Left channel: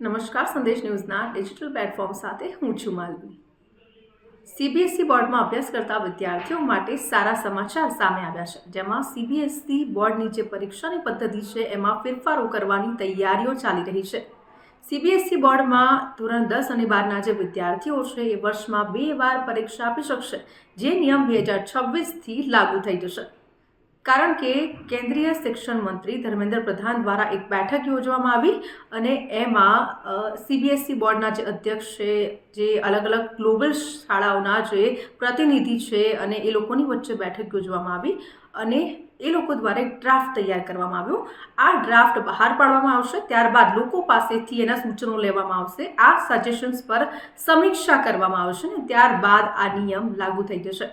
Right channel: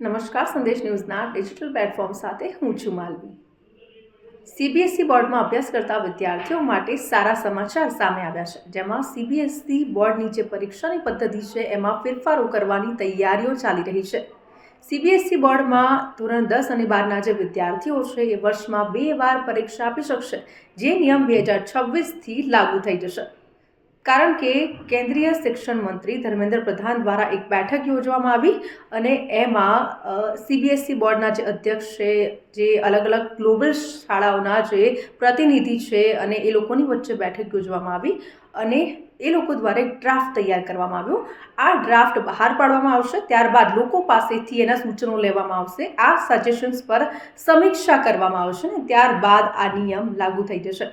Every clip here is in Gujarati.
નમસ્કાર, સંદેશ ન્યૂઝના ડિજિટલ પ્લેટફોર્મ સાથે હું છું માલવી। સીબીએસઈ બોર્ડમાં અભ્યાસ કરતા વિદ્યાર્થીઓ માટે સારા સમાચાર સામે આવ્યા છે, જેમાં સીબીએસઈ બોર્ડની જે પરીક્ષાની પદ્ધતિ છે એમાં ફેરફારો કરવાની તૈયારીઓ ચાલી રહી છે। સીબીએસઈ બોર્ડમાં ધોરણ 10 અને 12ના જે વિદ્યાર્થીઓ છે એ વર્ષમાં 2 વાર પરીક્ષા આપી શકશે, જે નિયમ 2026થી લાગુ થઈ જશે। કારણ કે કેન્દ્રીય શિક્ષણ મંત્રી ધર્મેન્દ્ર પ્રધાન દ્વારા એક બેઠક યોજવામાં આવી અને એમાં સીબીએસઈ બોર્ડના જે અધ્યક્ષ છે, જે અલગ અલગ ગ્લોબલ શાળાઓના જે પ્રતિનિધિ છે અને એ લોકોની વચ્ચે બેઠક યોજવામાં આવી અને એ લોકો દ્વારા એક ડ્રાફ્ટ તૈયાર કરવામાં આવ્યો। આ ડ્રાફ્ટ બહાર પાડવામાં આવશે, ત્યારબાદ લોકો પાસેથી એના સૂચનો લેવામાં આવશે, આ સજેશન્સ પર સમીક્ષા કરવામાં આવશે ને ત્યારબાદ આ નિયમ લાગુ થઈ જશે।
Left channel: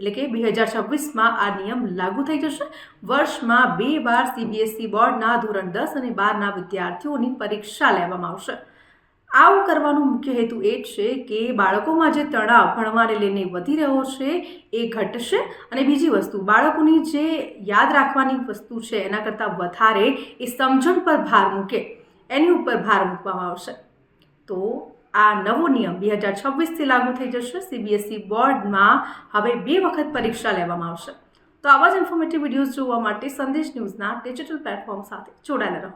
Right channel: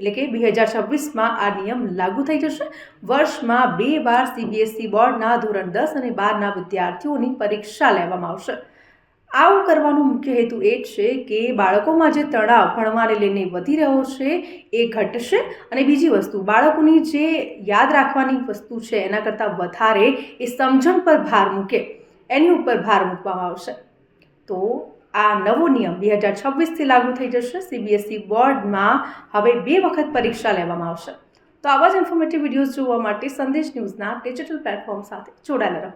એટલે કે 2026માં આ નિયમ લાગુ થઈ જશે। વર્ષમાં 2 વાર સીબીએસઈ બોર્ડના ધોરણ 10 અને 12ના વિદ્યાર્થીઓની પરીક્ષા લેવામાં આવશે। આવું કરવાનો મુખ્ય હેતુ એ છે કે બાળકોમાં જે તણાવ ભણવાને લઈને વધી રહ્યો છે એ ઘટશે અને બીજી વસ્તુ, બાળકોની જે યાદ રાખવાની વસ્તુ છે એના કરતાં વધારે એ સમજણ પર ભાર મૂકે, એની ઉપર ભાર મૂકવામાં આવશે। તો આ નવો નિયમ 2026થી લાગુ થઈ જશે। સીબીએસઈ બોર્ડમાં હવે 2 વખત પરીક્ષા લેવામાં આવશે। તો આવા જ ઇન્ફોર્મેટિવ વિડીયોઝ જોવા માટે સંદેશ ન્યૂઝના ડિજિટલ પ્લેટફોર્મ સાથે જોડાયેલા રહો।